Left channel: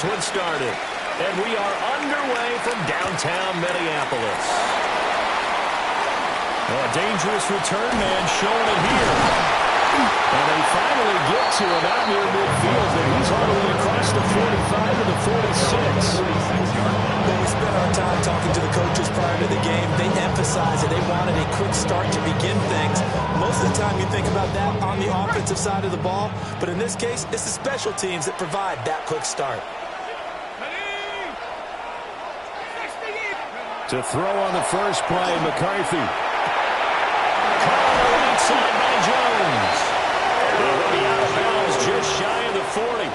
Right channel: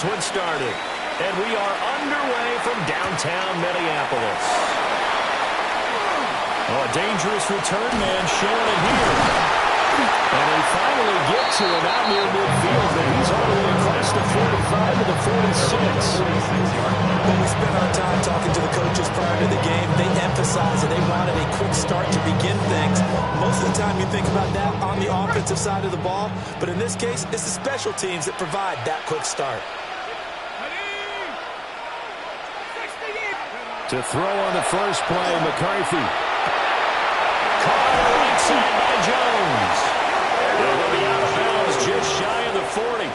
this one started. And we are underway from downtown Minneapolis. Oh, a dangerous return man showing it here. And they finally get to him out near midfield, but he's all the way across the 45 to the 46. When we spent our time talking to the coaches prior to the game, they emphasized that they wanted a quick start to begin things. Most of the time you think about that on the offensive side of the ball, but in this case, it's the special teams that provide that quick start. To throw on the first play, McCarthy. Caught on the right side by Jones. It'll be out of bounds just shy of the 40.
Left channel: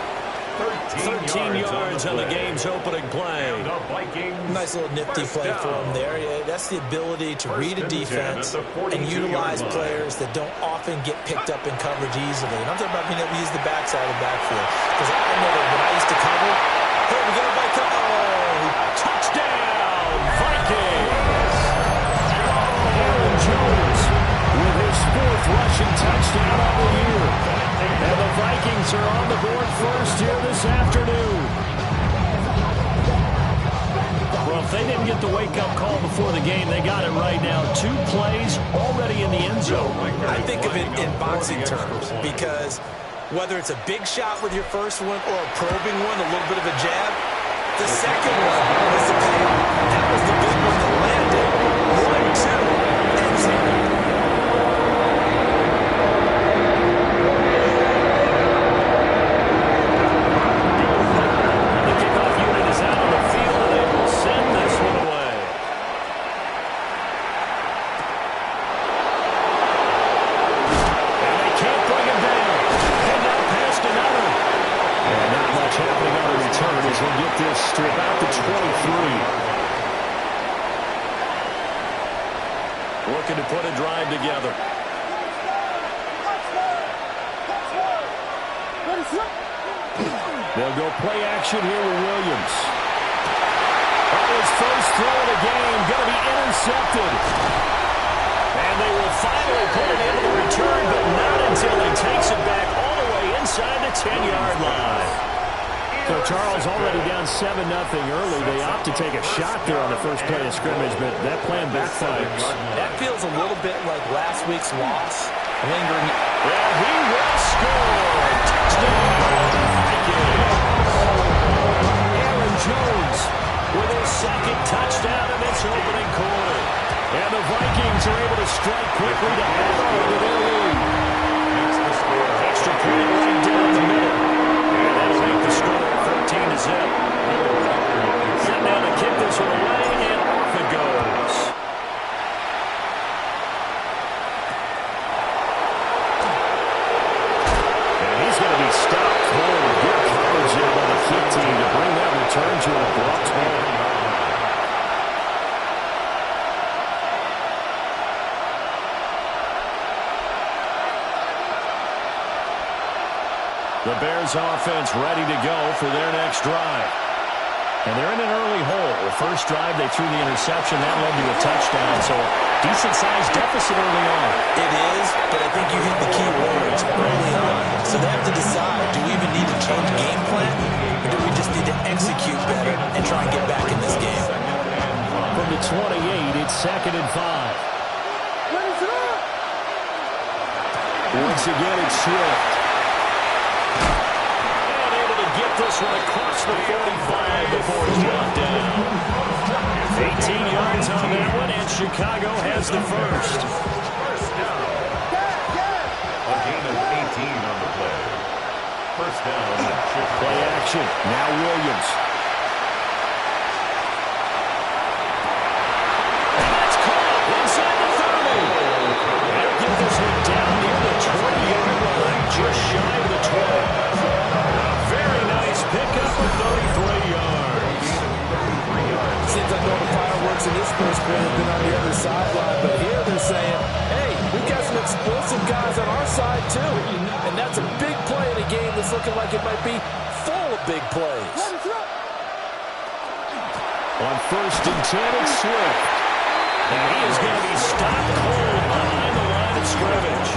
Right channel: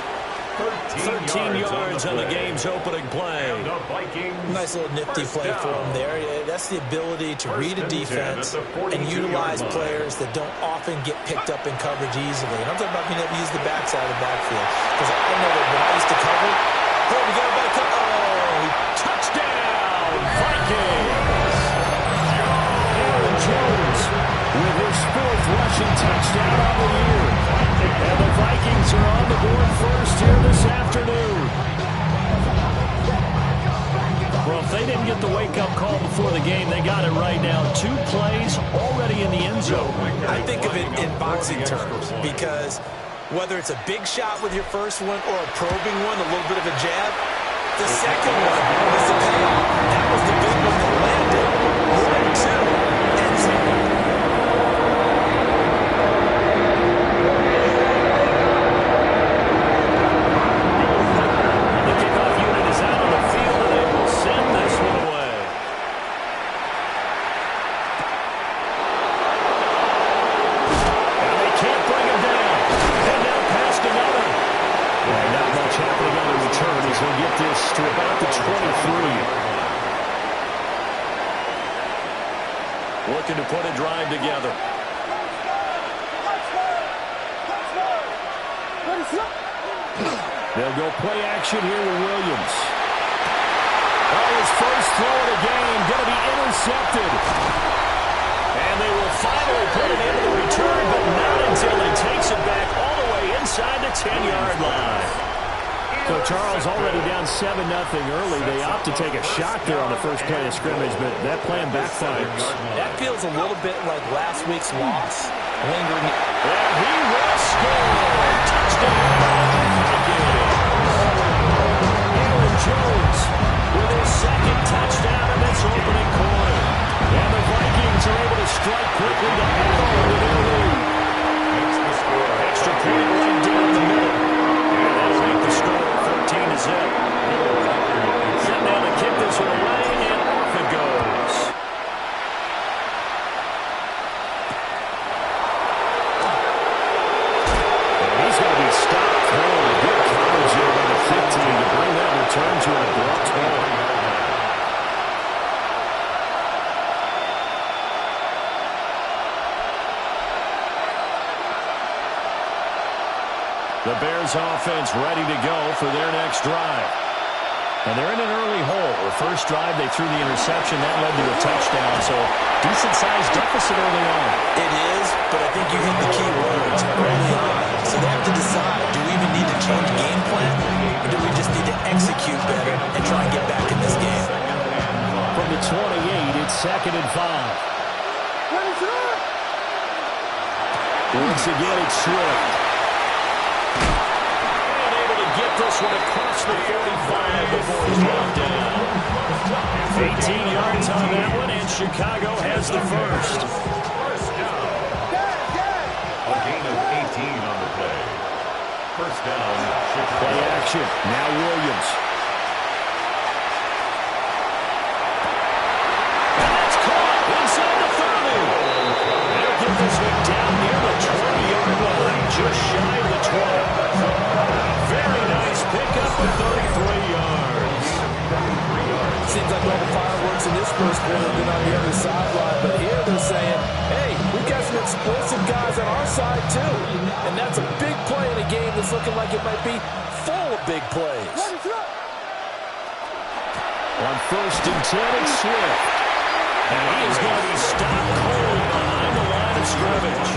13 yards on the game's opening play. Nice little nifty play for him there. Yeah, that's the ability to read a defense and utilize players that don't often get picked up in coverage easily. And I'm talking about being able to use the backside of the backfield. Because I know that when I used to cover, hey, we got a bike. Oh, touchdown, Vikings! Aaron Jones with his 4th rushing touchdown of the year. And the Vikings are on the board first here this afternoon. Well, if they didn't get the wake-up call before the game, they got it right now. 2 plays already in the end zone. I think of it in boxing terms because whether it's a big shot with your first one or a probing one, a little bit of a jab, the second one was the payoff. That was the big one that landed. 1, 2, end zone. Happening on the return as he'll get this to about the 23. Looking to put a drive together. They'll go play action here with Williams. Oh, his first throw of the game going to be intercepted. And they will finally put it into the return, but not until he takes it back all the way inside the 10-yard line. So Charles already down 7-0 early. They opt to take a shot there on the first play of scrimmage, but that plan backfires. That feels a little bit like last week's loss. Lingering. And he will score. Touchdown, Vikings. Aaron Jones with his 2nd touchdown in this opening quarter. And the Vikings are able to strike quickly to add on to their lead. Extra point right down the middle. And that'll make the score 14-0. Set now to kick this one away, and off it goes. And he's going to be stopped cold. Good coverage here by the kick team to bring that return to an abrupt halt. The Bears offense ready to go for their next drive. And they're in an early hole. The first drive, they threw the interception. That led to a touchdown. So decent-sized deficit early on. It is, but I think you hit the key words early on. So they have to decide, do we even need to change game plan? Or do we just need to execute better and try and get back in this game? From the 28, it's 2nd and 5. Once again, it's Swift. Get this one across the 45 before he's brought down. 18 yards on that one, and Chicago has the first. First down. A gain of 18 on the play. First down, Chicago. Play action. Now Williams. And that's caught inside the 30. They'll get this one down near the 20-yard line, just shy of the 20. Very nice pickup with 33 yards. Seems like all the fireworks in this first quarter have been on the other sideline, but here they're saying, hey, we've got some explosive guys on our side too. And that's a big play in a game that's looking like it might be full of big plays. On 1st and 10, it's Swift. And he is going to be stopped cold behind the line of scrimmage.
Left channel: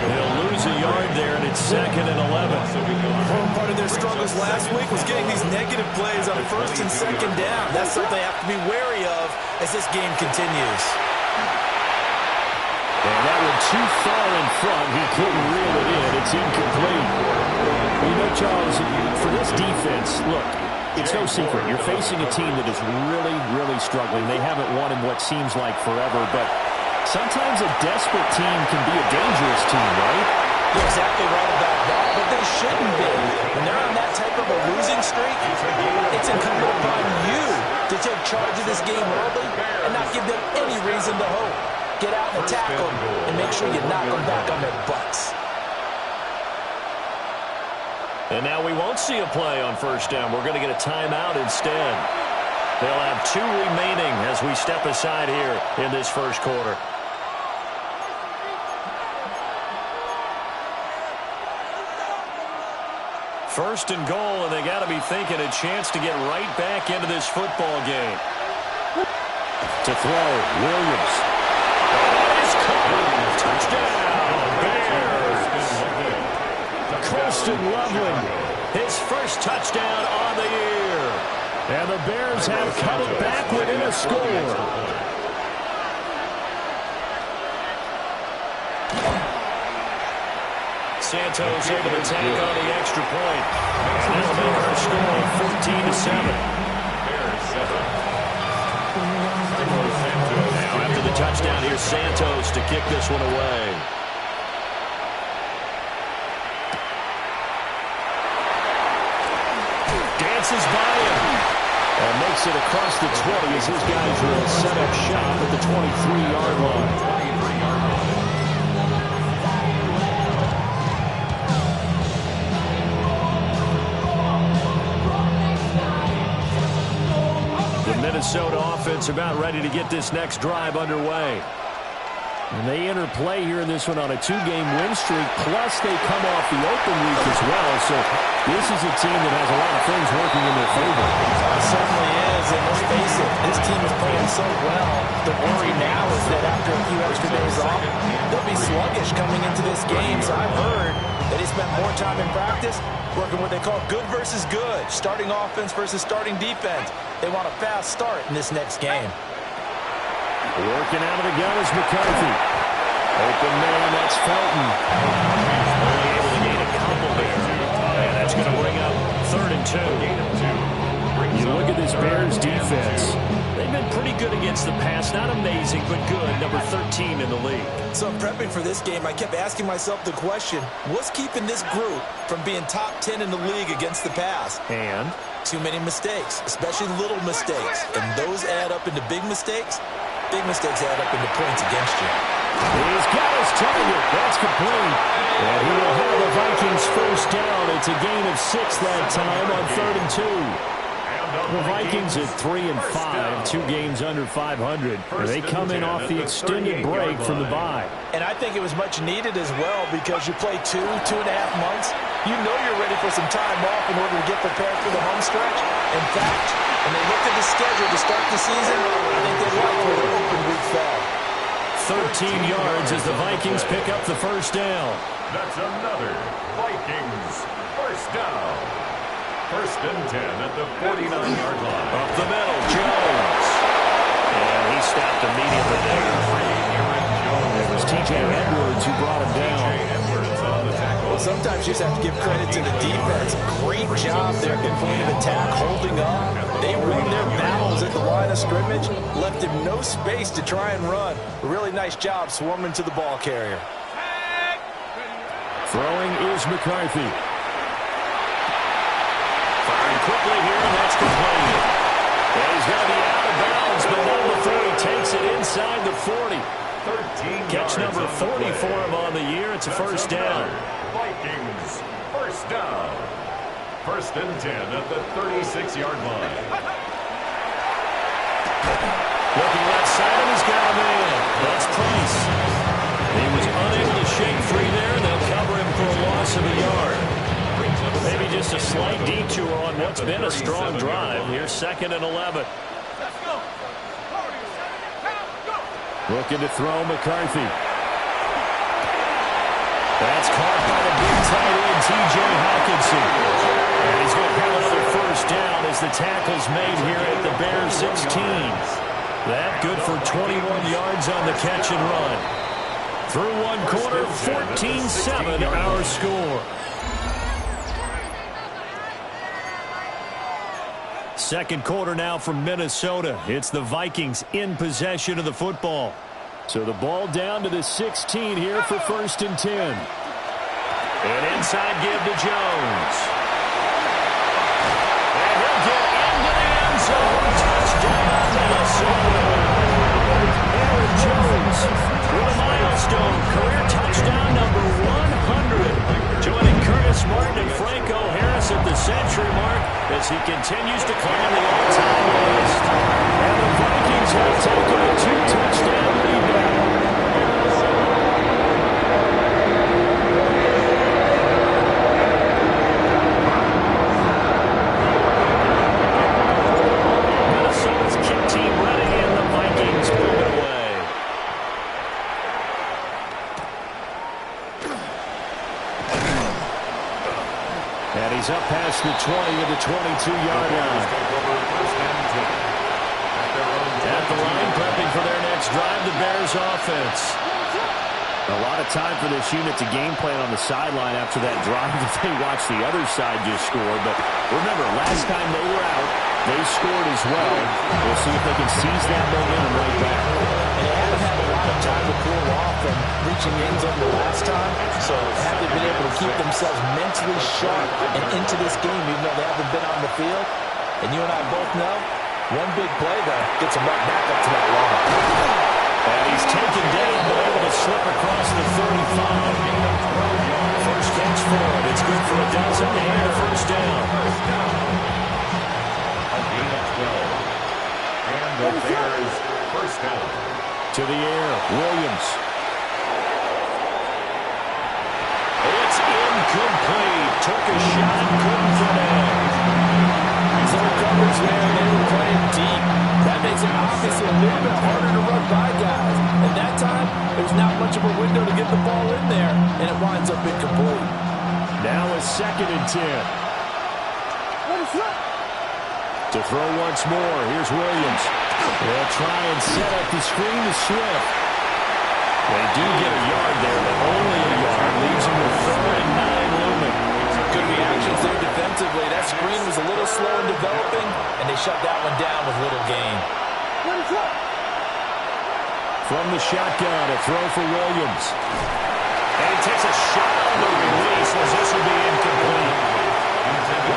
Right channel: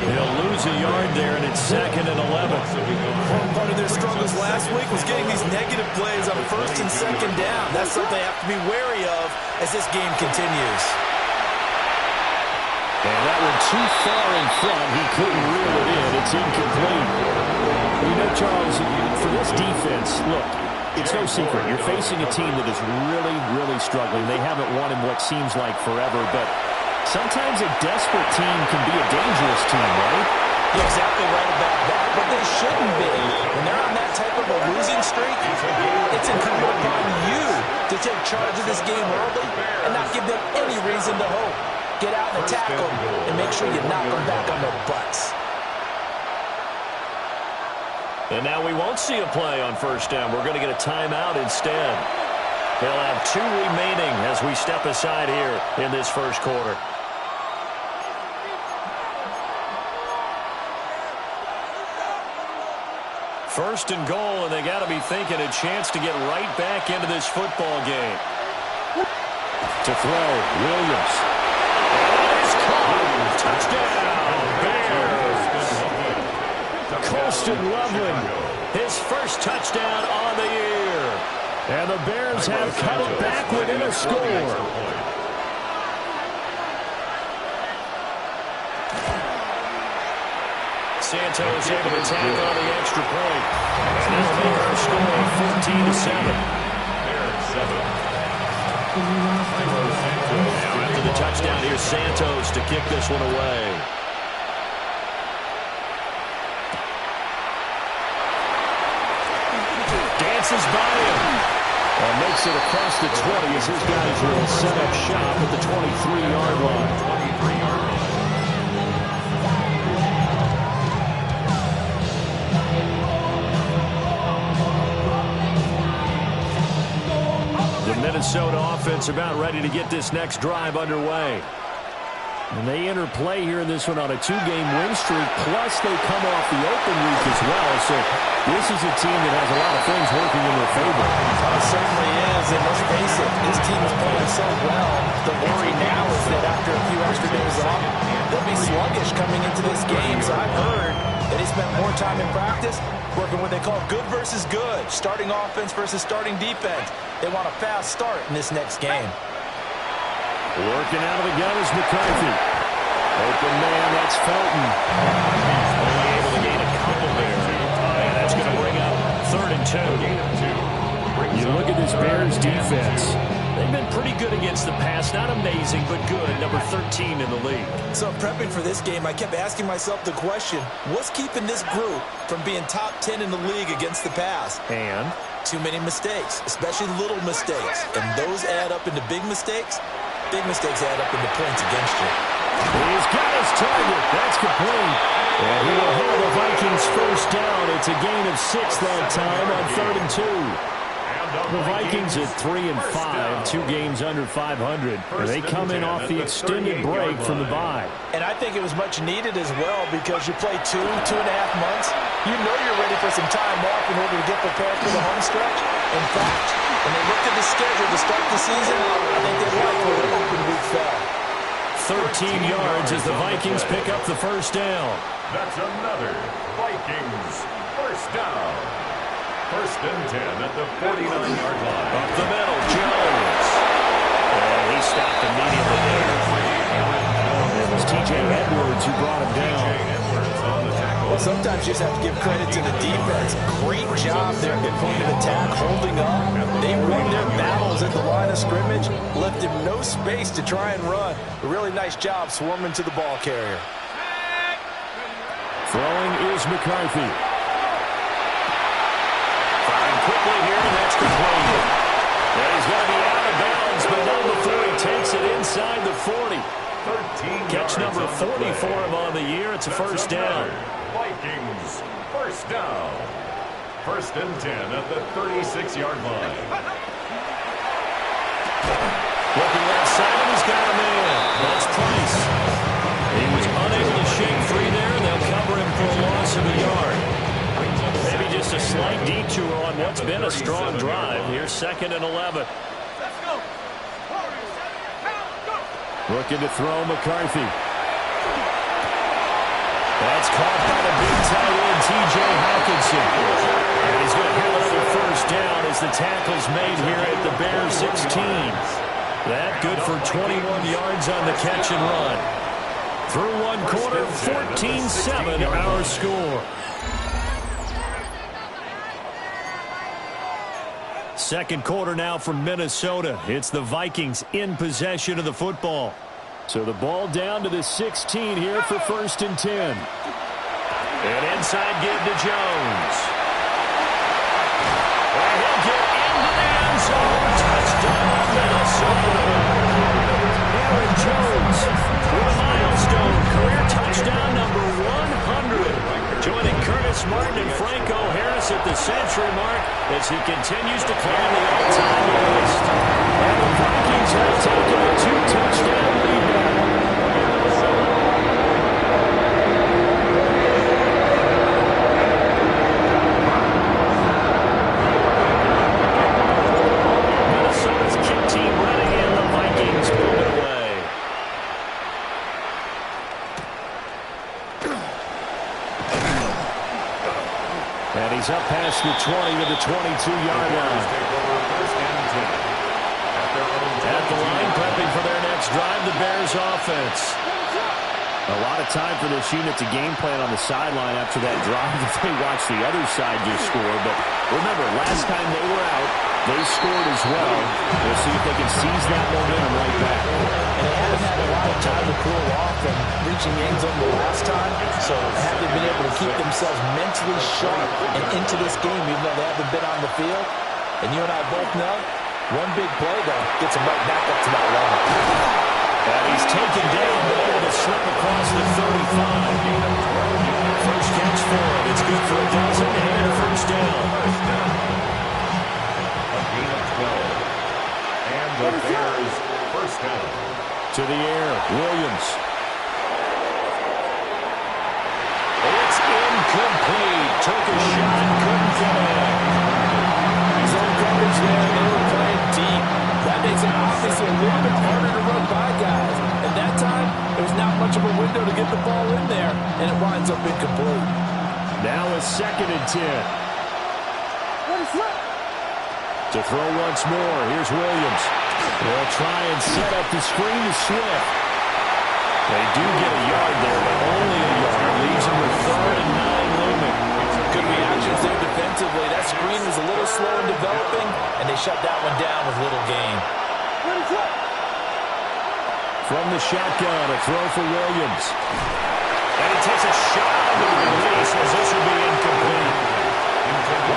He'll lose lose a yard there, and it's 2nd and 11. Well, part of their struggles last week was getting these negative plays on 1st and 2nd down. That's something they have to be wary of as this game continues. And that one too far in front. He couldn't reel it in. It's incomplete. You know, Charles, for this defense, look, it's no secret. You're facing a team that is really, really struggling. They haven't won in what seems like forever, but sometimes a desperate team can be a dangerous team, right? You're exactly right about that, but they shouldn't be. When they're on that type of a losing streak, it's incumbent upon you to take charge of this game early and not give them any reason to hope. Get out and attack them and make sure you knock them back on their butts. And now we won't see a play on 1st down. We're going to get a timeout instead. They'll have 2 remaining as we step aside here in this first quarter. First and goal, and they got to be thinking a chance to get right back into this football game. To throw, Williams. And that is caught. Touchdown, Bears. Colston Loveland, his first touchdown on the year. And the Bears have cut it back within a score. Santos able to tack on the extra point. And that'll make our score 14-7. Bears 7. Now after the touchdown, here's Santos to kick this one away. Dances by him. And makes it across the 20 as his guys will set up shop at the 23-yard line. 23-yard line. The Minnesota offense about ready to get this next drive underway. And they enter play here in this one on a 2-game win streak, plus they come off the open week as well. So this is a team that has a lot of things working in their favor. It certainly is, and let's face it, this team is playing so well. The worry now is that after a few extra days off, they'll be sluggish coming into this game. So I've heard that he spent more time in practice working what they call good versus good, starting offense versus starting defense. They want a fast start in this next game. Working out of the gun is McCarthy. Open man, that's Felton. Only able to gain a couple there. And that's going to bring up 3rd and 2. You look at this Bears defense. They've been pretty good against the pass. Not amazing, but good. Number 13 in the league. So prepping for this game, I kept asking myself the question, what's keeping this group from being top 10 in the league against the pass? And? Too many mistakes, especially little mistakes. And those add up into big mistakes. Big mistakes add up into points against you. He's got his target. That's complete. And he will have the Vikings first down. It's a gain of 6 that time on 3rd and 2. The Vikings at 3-5, 2 games under 500. They come in off the extended break from the bye. And I think it was much needed as well because you play 2.5 months. You know you're ready for some time off in order to get prepared for the home stretch. In fact, when they looked at the schedule to start the season, I think they liked where the open week fell. 13 yards as the Vikings pick up the first down. That's another Vikings first down. 1st and 10 at the 49-yard line. Up the middle, Jones. And he stopped immediately there. It was T.J. Edwards who brought him down. T.J. Edwards on the tackle. Well, sometimes you just have to give credit to the defense. Great job there at the point of attack, holding up. They won their battles at the line of scrimmage, left him no space to try and run. A really nice job swarming to the ball carrier. Throwing is McCarthy. Firing quickly here, and that's complete. And he's going to be out of bounds, but not before he takes it inside the 40. 13 Catch number 40 for him on the year. It's a first down. Vikings first down. 1st and 10 at the 36-yard line. Looking left side, and he's got a man. That's Price. He was unable to shake free there, and they'll cover him for a loss of a yard. Maybe just a slight detour on what's been a strong drive. Here's 2nd and 11. Let's go. Looking to throw McCarthy. That's caught by the big tight end, T.J. Hawkinson. And he's going to have another first down as the tackle's made here at the Bears 16. That good for 21 yards on the catch and run. Through one quarter, 14-7 our score. Second quarter now from Minnesota. It's the Vikings in possession of the football. So the ball down to the 16 here for 1st and 10. An inside give to Jones. And he'll get into the end zone. Touchdown, Minnesota. Aaron Jones with a milestone. Career touchdown number 100. Joining Curtis Martin and Franco Harris at the century mark as he continues to climb the all-time list. And the Vikings have taken a 2-touchdown lead now. Minnesota's kick team ready and the Vikings moving away. And he's up past the 20 to the 22-yard line. At the line, prepping for their next drive, the Bears offense. A lot of time for this unit to game plan on the sideline after that drive that they watched the other side just score. But remember, last time they were out, they scored as well. We'll see if they can seize that momentum right back. And they haven't had a lot of time to cool off from reaching the end zone the last time. So haven't been able to keep themselves mentally sharp and into this game, even though they haven't been on the field. And you and I both know, one big play, though, gets them right back up to that level. And he's taken down, but able to slip across the 35. First catch for him. It's good for a dozen and a first down. A gain of 12. And the Bears first down. To the air, Williams. It's incomplete. Took a shot, couldn't connect. Zone coverage there, they were playing deep. That makes it obviously a little bit harder to run by guys. And that time, there's not much of a window to get the ball in there, and it winds up incomplete. Now a 2nd and 10. To throw once more, here's Williams. They'll try and set up the screen to Swift. They do get a yard there, but only a yard. Leaves them with 3rd and 9 looming. Good reactions there defensively. That screen was a little slow in developing, and they shut that one down with little gain. From the shotgun, a throw for Williams. And he takes a shot on the release as this will be incomplete.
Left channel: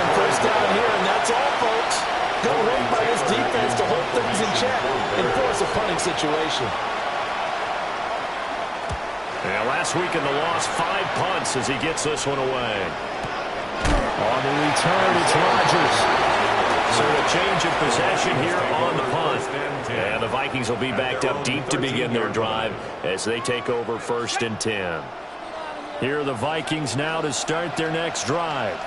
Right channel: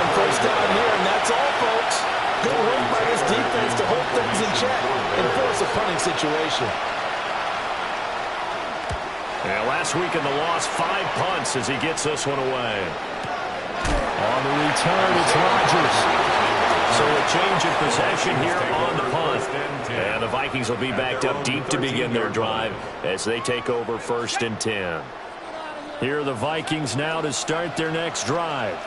One first down here, and that's all, folks. Good work by this defense to hold things in check and force a punting situation. Yeah, last week in the loss, 5 punts as he gets this one away. On the return, it's Rodgers. So a change of possession here on the punt. And the Vikings will be backed up deep to begin their drive as they take over 1st and 10. Here are the Vikings now to start their next drive.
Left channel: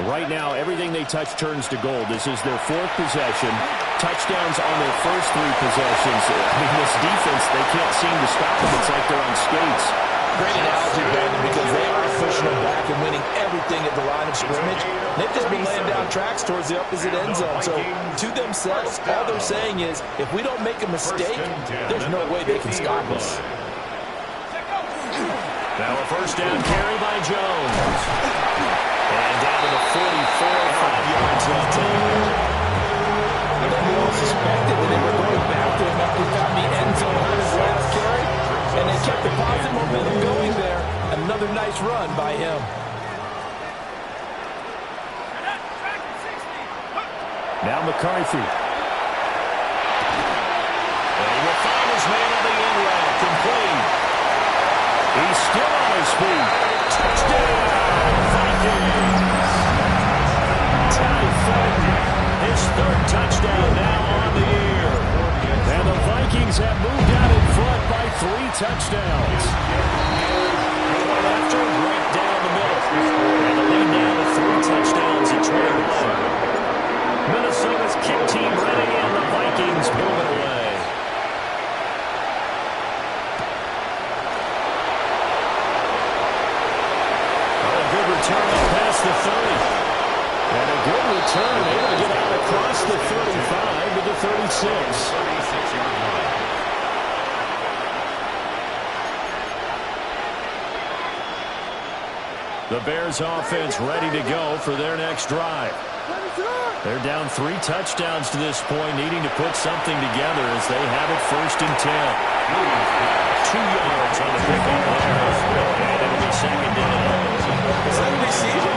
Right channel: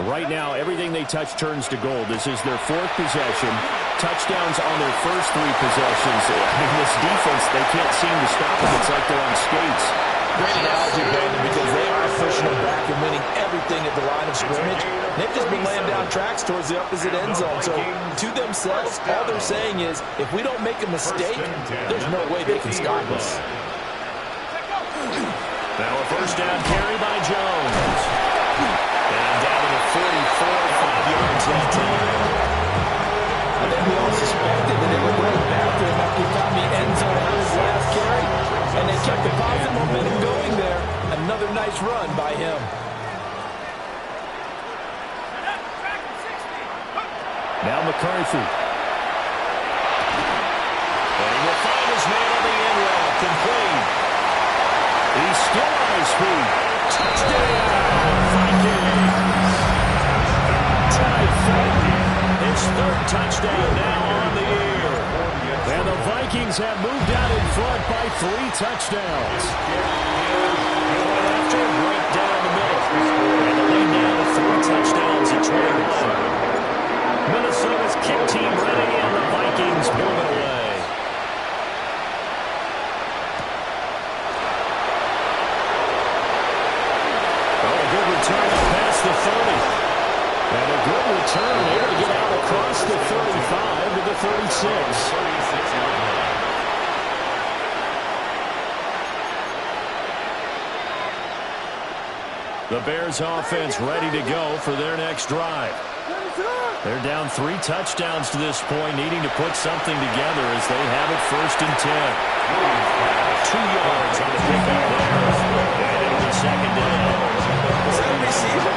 Right now, everything they touch turns to gold. This is their 4th possession. Touchdowns on their first 3 possessions. I mean, this defense, they can't seem to stop them. It's like they're on skates. Great analogy, Brandon, because they are pushing them back and winning everything at the line of scrimmage. They've just been laying down tracks towards the opposite end zone. So to themselves, all they're saying is, if we don't make a mistake, there's no way they can stop us. Now a first down carry by Jones. And down to the 44, 5 yards that time. I think we all suspected that they were going back to him after he found the end zone on his last carry. And they kept the positive momentum going there. Another nice run by him. Now McCarthy. And he will find his man on the end route. Complete. He's still on his feet. Touchdown, Vikings. Ty Fulton, his 3rd touchdown now on the year. And the Vikings have moved out in front by 3 touchdowns. Going after right down the middle. And the lead now to 3 touchdowns at 21. Minnesota's kick team ready and the Vikings moving away. a good return up past the 30. And a good return, able to get out across the 35 to the 36. 36-yard line. The Bears offense ready to go for their next drive. They're down 3 touchdowns to this point, needing to put something together as they have it 1st and 10. 2 yards on the pickup there. And it'll be 2nd down. Was that a receiver?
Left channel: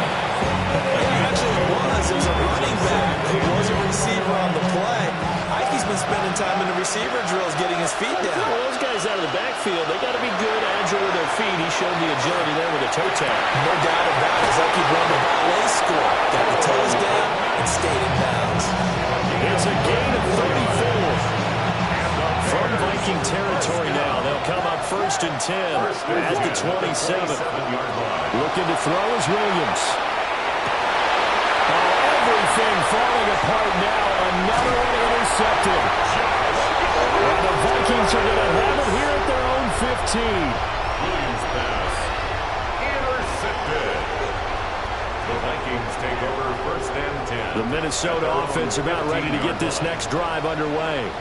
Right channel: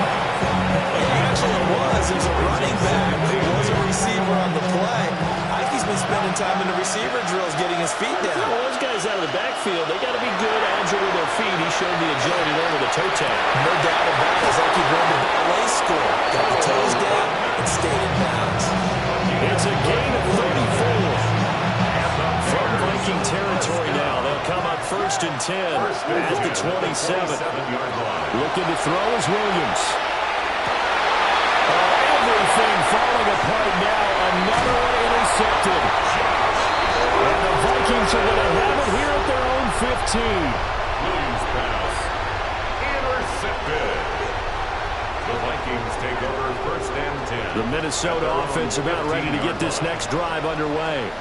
Yeah, actually it was. It was a running back who was a receiver on the play. Ike's been spending time in the receiver drills getting his feet down. Well, those guys out of the backfield, they got to be good, agile with their feet. He showed the agility there with a toe tap. No doubt about it. It's like he run the ballet school. Got the toes down and stayed in bounds. It's a gain of 34. From Viking territory now. They'll come up 1st and 10 at the 27. Looking to throw is Williams. Oh, everything falling apart now. Another one intercepted. And the Vikings are going to have it here at their own 15. Williams pass intercepted. The Vikings take over 1st and 10. The Minnesota offense about ready to get this next drive underway.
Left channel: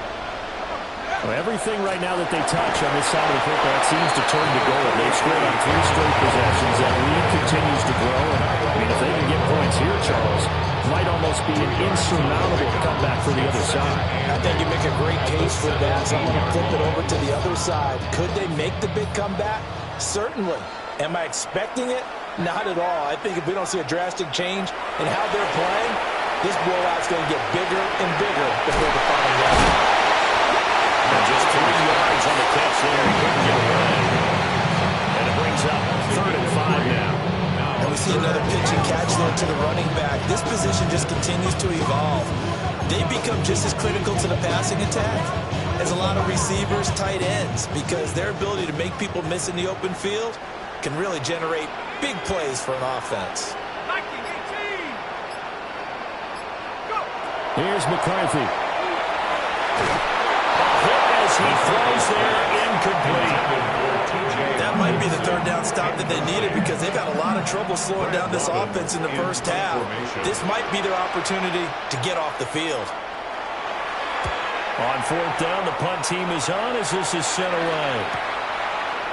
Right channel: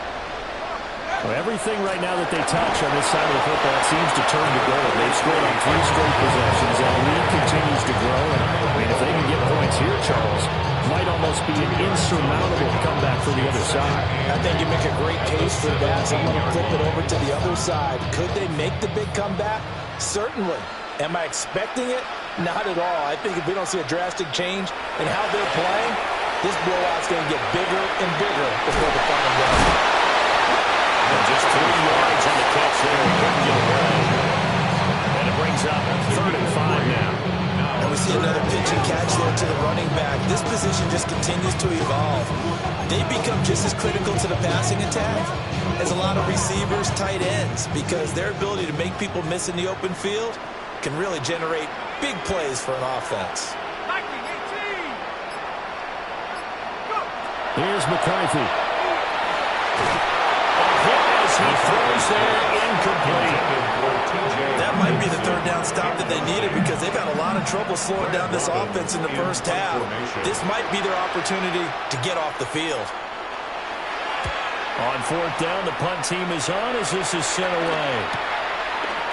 Well, everything right now that they touch on this side of the football seems to turn to goal. They've scored on 3 straight possessions. That lead continues to grow. And, I mean, if they can get points here, Charles, might almost be an insurmountable comeback for the other side. I think you make a great case for that. So I'm going to flip it over to the other side. Could they make the big comeback? Certainly. Am I expecting it? Not at all. I think if we don't see a drastic change in how they're playing, this blowout's going to get bigger and bigger before the final game. And just 3 yards on the catch there. He couldn't get away. And it brings up 3rd and 5 now. And we see another pitch and catch there to the running back. This position just continues to evolve. They become just as critical to the passing attack as a lot of receivers, tight ends, because their ability to make people miss in the open field can really generate big plays for an offense. Here's McCarthy. As he throws there, incomplete. That might be the 3rd down stop that they needed because they've had a lot of trouble slowing down this offense in the first half. This might be their opportunity to get off the field. On 4th down, the punt team is on as this is sent away.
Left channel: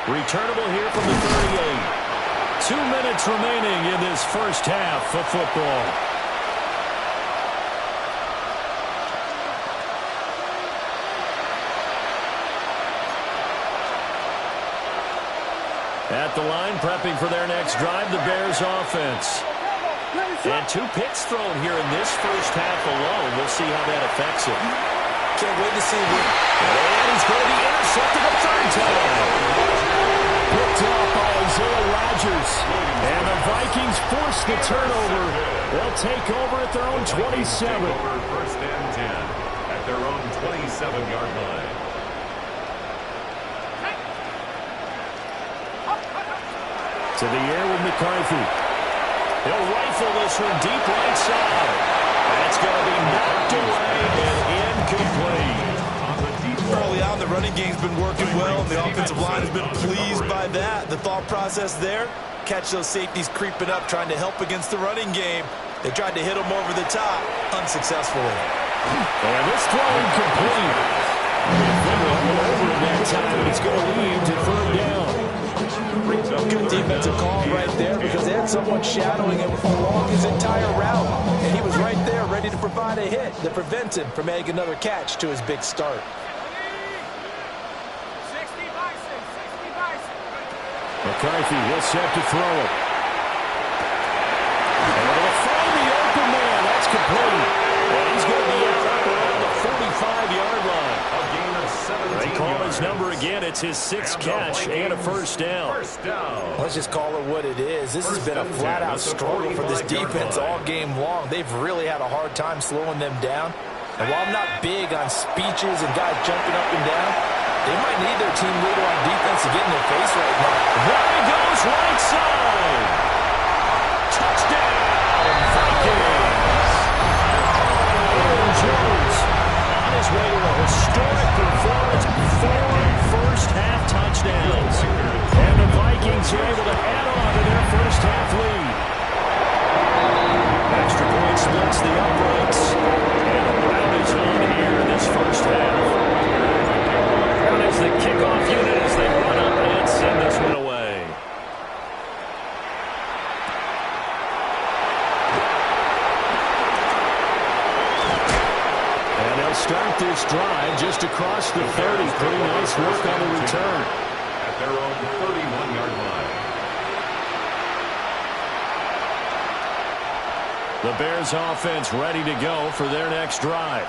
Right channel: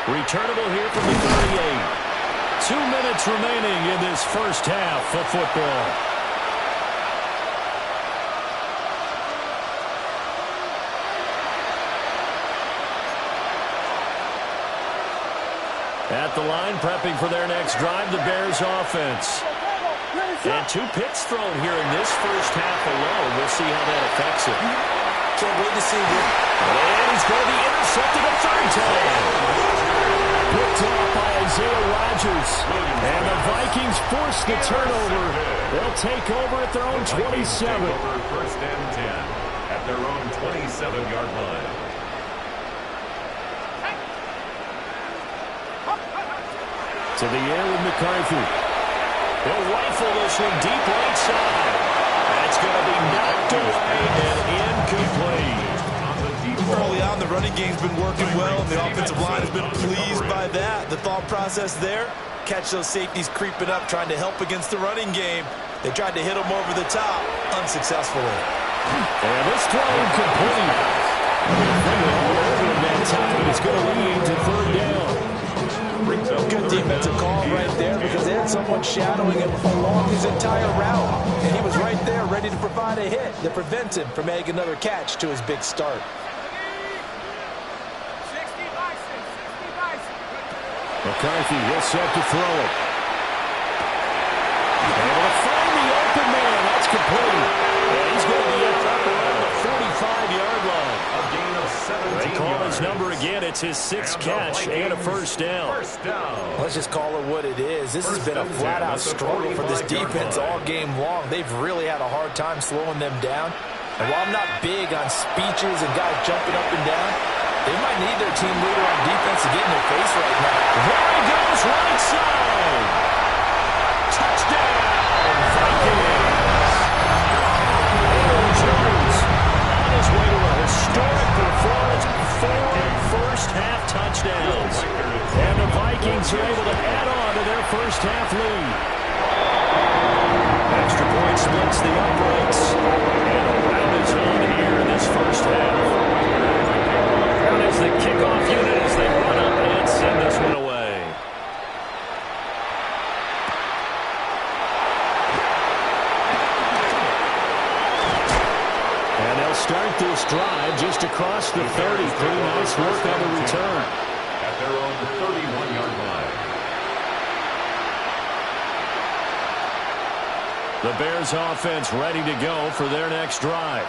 Returnable here from the 38. 2 minutes remaining in this first half of football. At the line, prepping for their next drive, the Bears offense. And 2 picks thrown here in this first half alone. We'll see how that affects it. Can't wait to see what... And he's going to be intercepted a 3rd time. Picked off by Isaiah Rodgers. And the Vikings force the turnover. They'll take over at their own 27. Over 1st and 10 at their own 27-yard line. To the air with McCarthy. He'll rifle this one deep right side. That's going to be knocked away and incomplete. Early on, the running game's been working well, and the offensive line has been pleased by that. The thought process there, catch those safeties creeping up, trying to help against the running game. They tried to hit them over the top, unsuccessfully. And this throw incomplete. Finger all over him that time, but it's going to lead to 3rd down. Good defensive call right there because they had someone shadowing him along his entire route. And he was right there ready to provide a hit that prevents him from making another catch to his big start. 60 Bison, 60 Bison. McCarthy, he'll set to throw it. Able to find the open man. That's complete. And he's going to be up around the 45-yard line. A gain of 17 They call yards. his number again. It's his 6th catch and a 1st down. First down. Let's just call it what it is. This has been a flat-out struggle for this defense all game long. They've really had a hard time slowing them down. And while I'm not big on speeches and guys jumping up and down, they might need their team leader on defense to get in their face right now. There he goes, right side. Touchdown, Vikings. Aaron Jones on his way to a historic performance. 4 first-half touchdowns. And the Vikings are able to add on to their first half lead. Extra point splits the uprights. And a rout is on here in this first half. Crowd is the kickoff unit as they run up and send this one away. And they'll start this drive just across the 30. Pretty nice work on the return. At their own 31-yard line. The Bears offense ready to go for their next drive.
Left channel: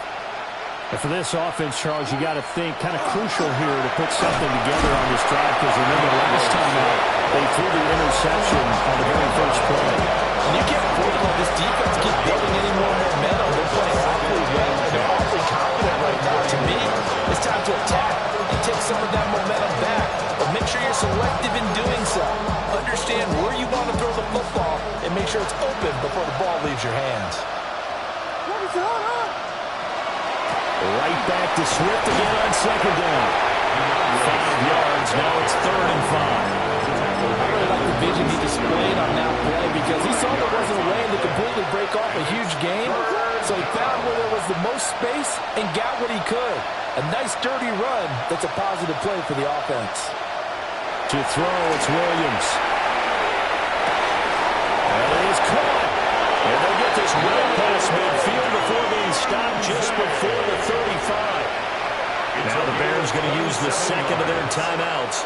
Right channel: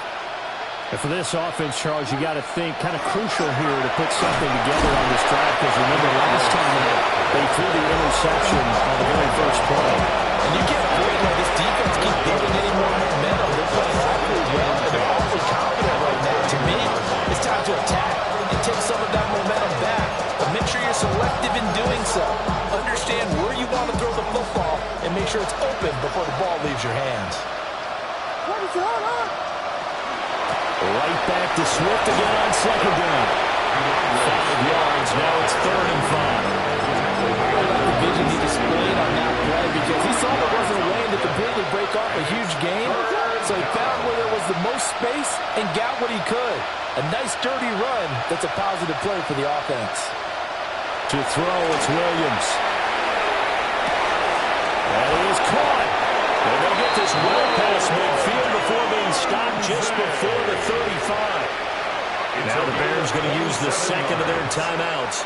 And for this offense, Charles, you got to think kind of crucial here to put something together on this drive, because remember last time out they threw the interception on the very first play. And you can't afford to let this defense keep building any more momentum. They're playing awfully well, and they're awfully confident right now. To me, it's time to attack and take some of that momentum back. But make sure you're selective in doing so. Understand where you want to throw the football and make sure it's open before the ball leaves your hands. What is going on? Right back to Swift again on second down. 5 yards. Now it's 3rd and 5. I really like the vision he displayed on that play, because he saw there wasn't a lane to completely break off a huge gain. So he found where there was the most space and got what he could. A nice, dirty run that's a positive play for the offense. To throw, it's Williams. And he is caught. And they'll get this well past midfield before being stopped just before the 35. Now the Bears going to use the second of their timeouts,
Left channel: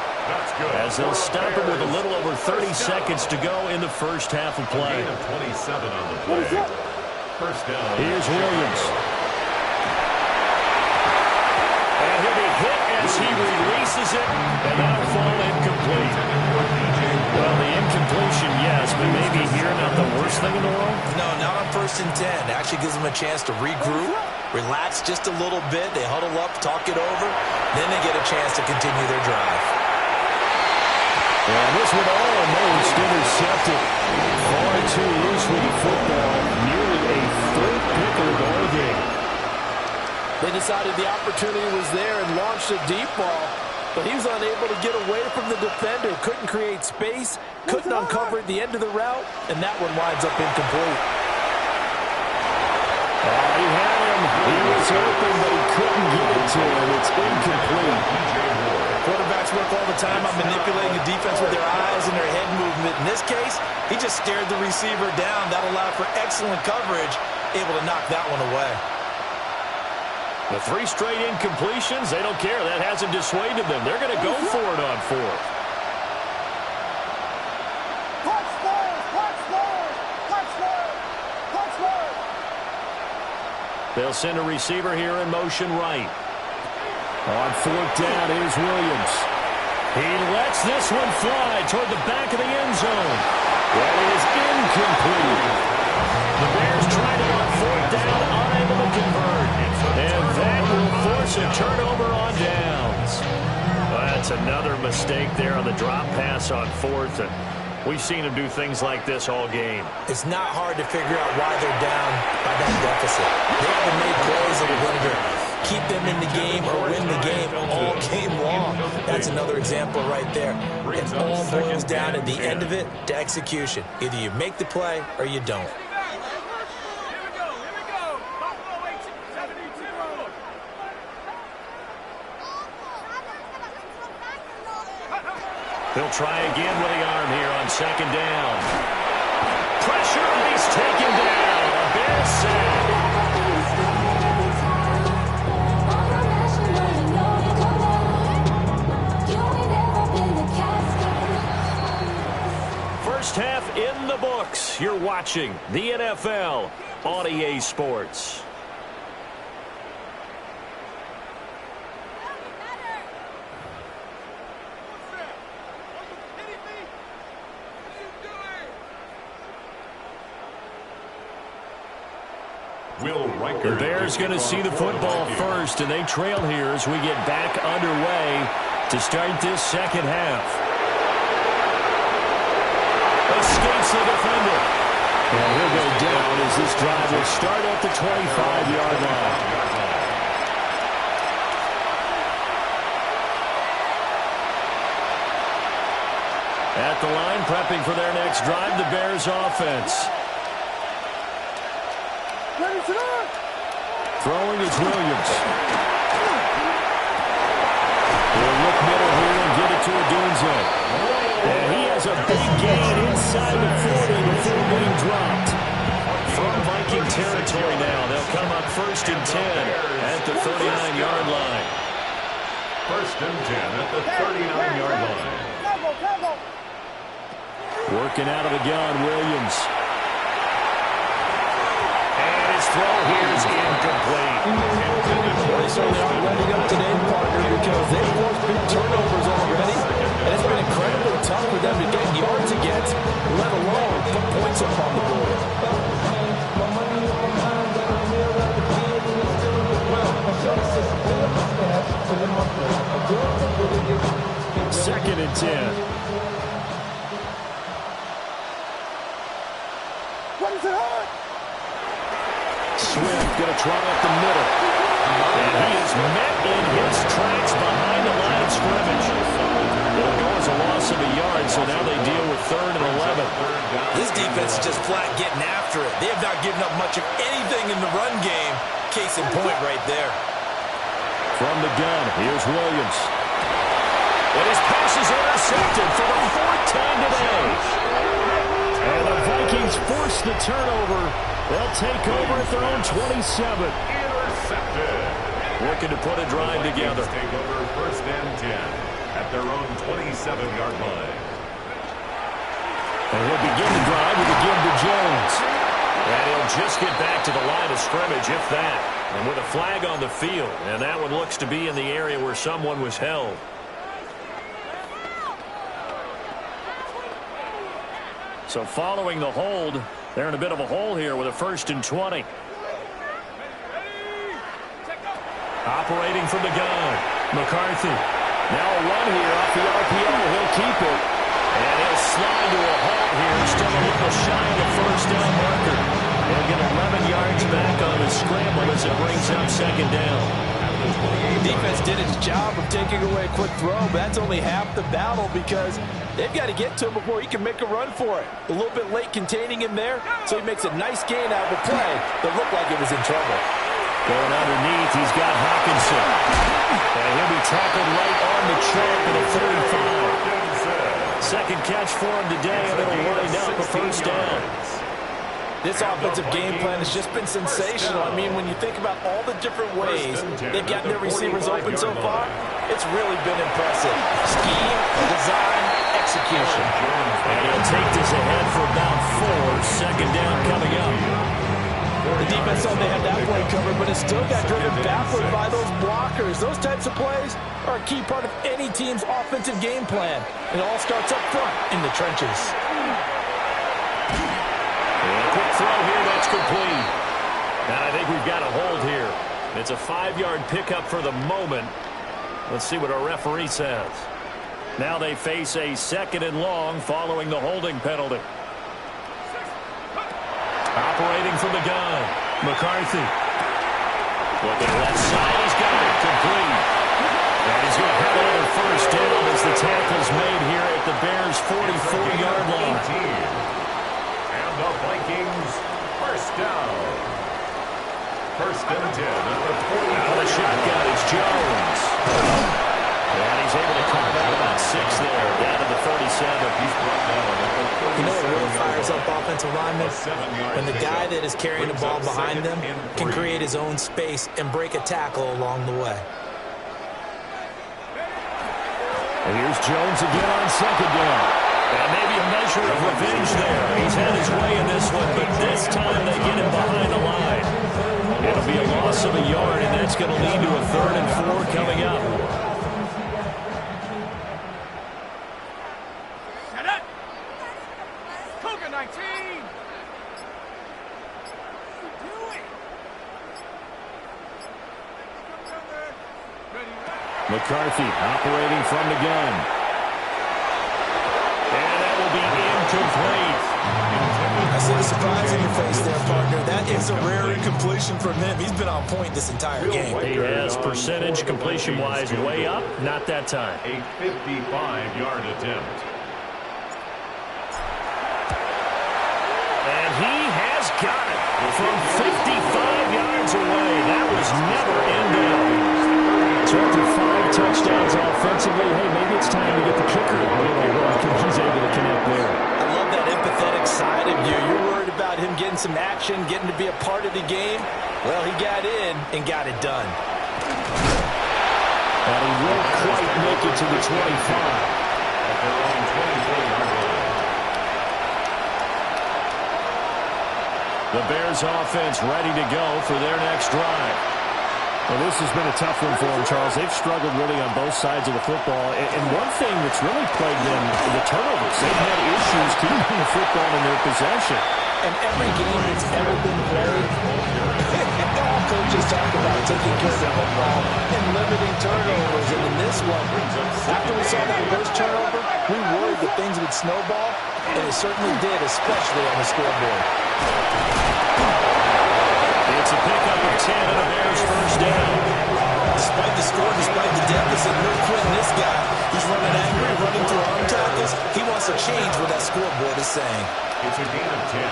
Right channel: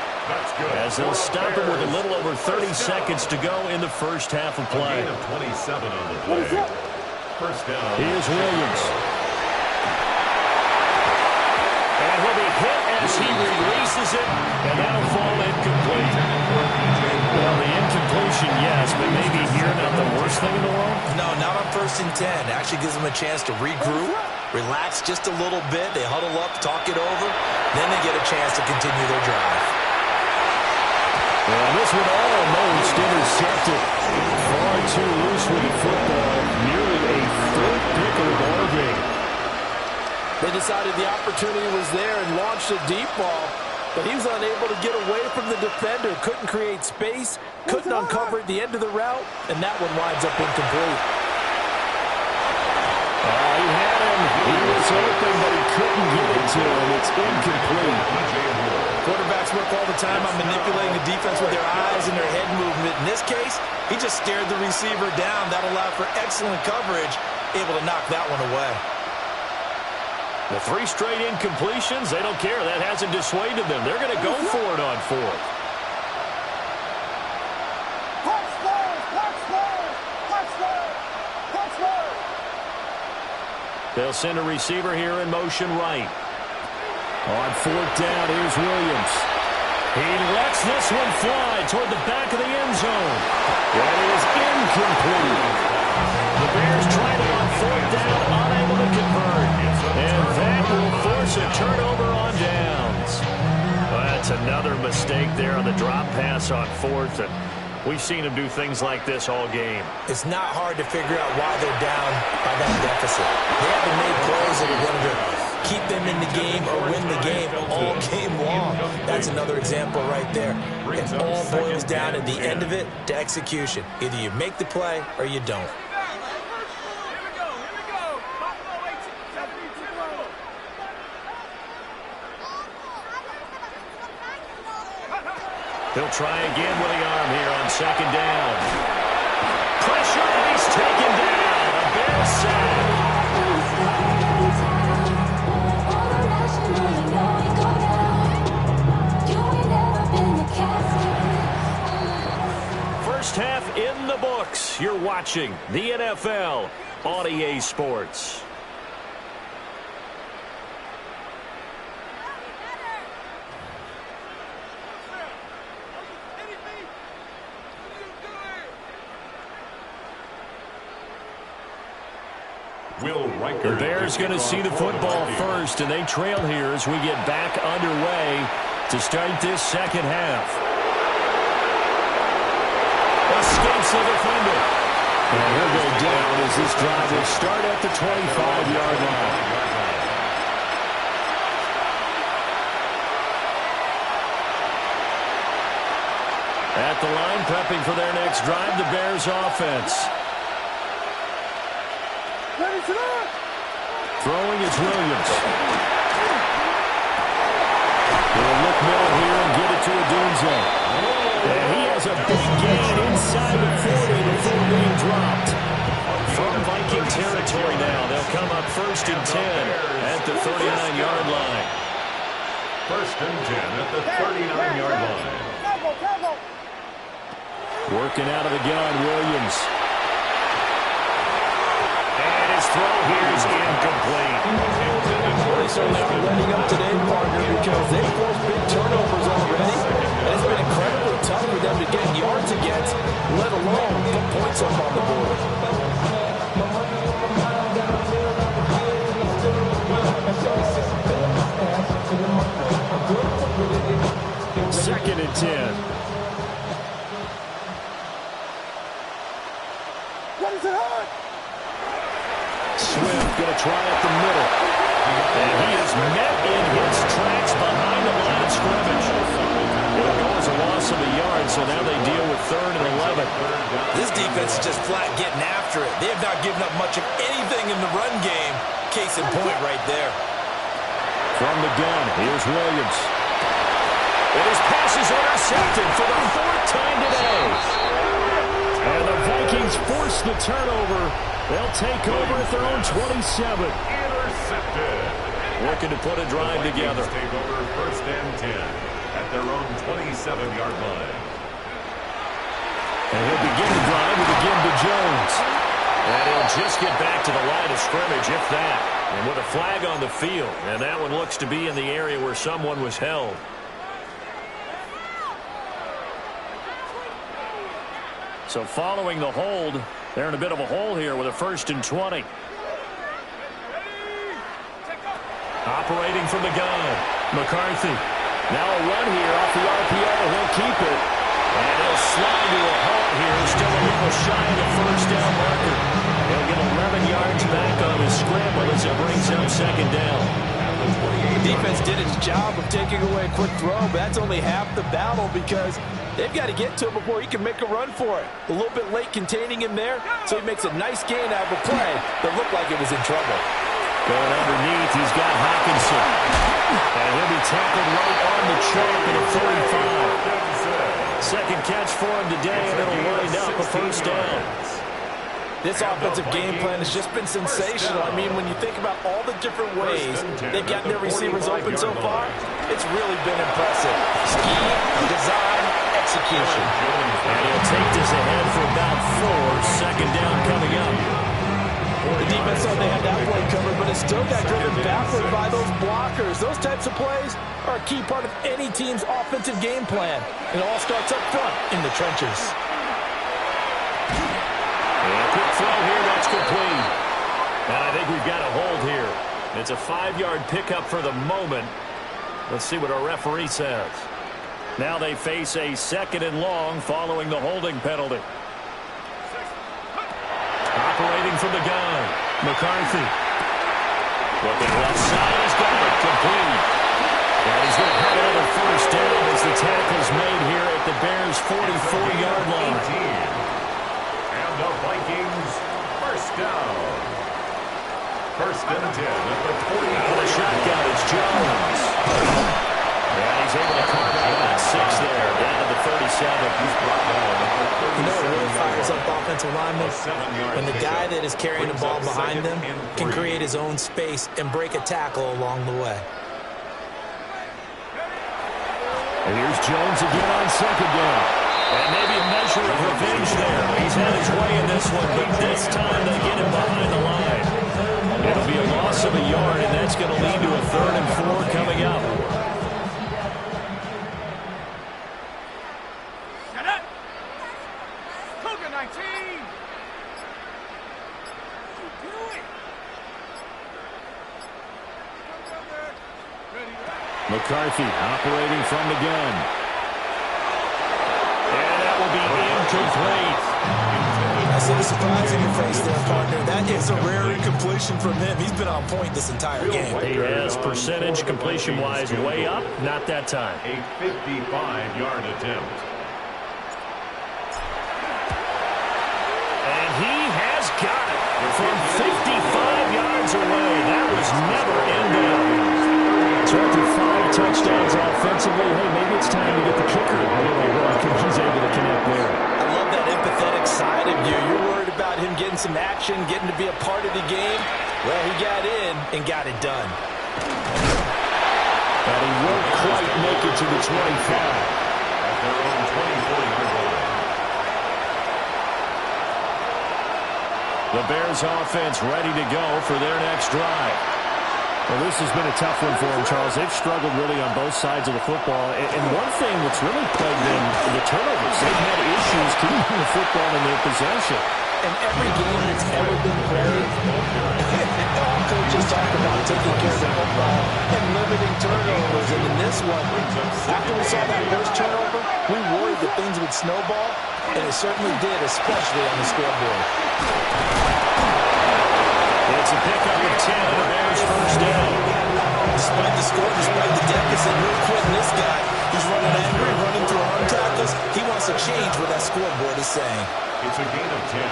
as they'll stop him with a little over 30 seconds to go in the first half of play. A gain of 27 on the play. First down. Here's Williams. And he'll be hit as he releases it, and that'll fall incomplete. Well, the incompletion, yes, but maybe here not the worst thing in the world? No, not on 1st and 10. Actually gives them a chance to regroup, relax just a little bit. They huddle up, talk it over. Then they get a chance to continue their drive. And this one almost intercepted. Far too loose with the football. Nearly a 3rd pick of the ball game. They decided the opportunity was there and launched a deep ball, but he was unable to get away from the defender. Couldn't create space, couldn't uncover at the end of the route, and that one winds up incomplete. He had him. He was open, but he couldn't get it to him. It's incomplete. Quarterbacks work all the time on manipulating the defense with their eyes and their head movement. In this case, he just stared the receiver down. That allowed for excellent coverage, able to knock that one away. The 3 straight incompletions, they don't care. That hasn't dissuaded them. They're going to go for it on 4th. They'll send a receiver here in motion right. On 4th down, here's Williams. He lets this one fly toward the back of the end zone. That is incomplete. The Bears tried it on 4th down, unable to convert. And that will force a turnover on downs. Well, that's another mistake there on the drop pass on 4th. And we've seen him do things like this all game. It's not hard to figure out why they're down by that deficit. They haven't made plays that are going to keep them in the game or win the game all game long. That's another example right there. It all boils down at the end of it to execution. Either you make the play or you don't. He'll try again with the arm here on 2nd down. Pressure, and he's taken down. A Bears sack. First half in the books. You're watching the NFL on EA Sports. The Bears going to see the football first, and they trail here as we get back underway to start this second half. Escapes the defender. And he'll go down as this drive will start at the 25-yard line. At the line, prepping for their next drive, the Bears offense. Throwing is Williams. He'll look middle here and get it to Odunze. And he has a big gain inside the 40 before being dropped. From Viking territory now, they'll come up 1st and 10 at the 39-yard line. 1st and 10 at the 39-yard line. Working out of the gun, Williams. And his throw here is incomplete. Well, they certainly aren't letting up today, partner, because they've forced big turnovers already. And it's been incredibly tough for them to get yards against, let alone put points up on the board. 2nd and 10. What is it on? Swift going to try up the middle. And he is met in his tracks behind the line of scrimmage. It'll go as a loss of a yard, so now they deal with 3rd and 11. This defense is just flat getting after it. They have not given up much of anything in the run game. Case in point right there. From the gun, here's Williams. And his pass is intercepted for the 4th time today. And the Vikings force the turnover. They'll take over at their own 27. Intercepted. Looking to put a drive together. Take over 1st and 10 at their own 27-yard line. And he'll begin the drive with a give to Jones. And he'll just get back to the line of scrimmage, if that. And with a flag on the field. And that one looks to be in the area where someone was held. So following the hold, they're in a bit of a hole here with a 1st and 20. Operating from the gun, McCarthy. Now a run here off the RPO. He'll keep it. And he'll slide to a halt here. Still a little shy of the 1st down marker. He'll get 11 yards back on his scramble as it brings up 2nd down. The defense did its job of taking away a quick throw, but that's only half the battle because they've got to get to him before he can make a run for it. A little bit late containing him there, so he makes a nice gain out of a play that looked like it was in trouble. Going underneath, he's got Hawkinson. And he'll be tackled right on the chalk at a 45. Second catch for him today, and it'll wind up a 1st down. This offensive game plan has just been sensational. I mean, when you think about all the different ways they've gotten their receivers open so far, it's really been impressive. Scheme, design, execution. And he'll take this ahead for about 4. 2nd down coming up. The defense thought they had that play covered, but it still got driven backward by those blockers. Those types of plays are a key part of any team's offensive game plan. It all starts up front in the trenches. And a quick throw here, that's complete. And I think we've got a hold here. It's a 5-yard pickup for the moment. Let's see what our referee says. Now they face a 2nd and long following the holding penalty. Operating from the gun, McCarthy. Looking left side, he's got it, complete. And he's going to have another 1st down as the tackle's made here at the Bears' 44-yard line. And the Vikings, 1st down. 1st and 10 at the 40. Out of the shotgun, it's Jones. And he's able to carve out about 6 there, down to the 37. He's brought down at the 37. You know what really fires up offensive linemen? When the guy that is carrying the ball behind them can create his own space and break a tackle along the way. And here's Jones again on 2nd down. And maybe a measure of revenge there. He's had his way in this one, but this time they get him behind the line. It'll be a loss of a yard, and that's going to lead to a 3rd and 4 coming up. Shut up! Cougar 19! What are you doing? Come down there. Ready, right? McCarthy operating from the gun. And that will be incomplete. I see the surprise in your face there, partner. That is a rare incompletion from him. He's been on point this entire game. He has percentage completion-wise way up. Not that time. A 55-yard attempt. And he has got it from 55 yards away. That was never in doubt. So after 5 touchdowns offensively, hey, maybe it's time to get the kicker a little work, and he's able to connect there. I love that empathetic side of you. You're worried about him getting some action, getting to be a part of the game. Well, he got in and got it done. And he won't quite make it to the 25. At their own 24-yard line. The Bears offense ready to go for their next drive. Well, this has been a tough one for them, Charles. They've struggled really on both sides of the football. And one thing that's really plagued them, the turnovers. They've had issues keeping the football in their possession. And every game that's ever been played, all coaches talk about taking care of the football and limiting turnovers. And in this one, after we saw that first turnover, we worried that things would snowball, and it certainly did, especially on the scoreboard. It's a pickup of 10 and a Bears first down. Despite the score, despite the deficit, no quitting this guy. He's running angry, running through arm tackles. He wants to change what that scoreboard is saying. It's a gain of 10.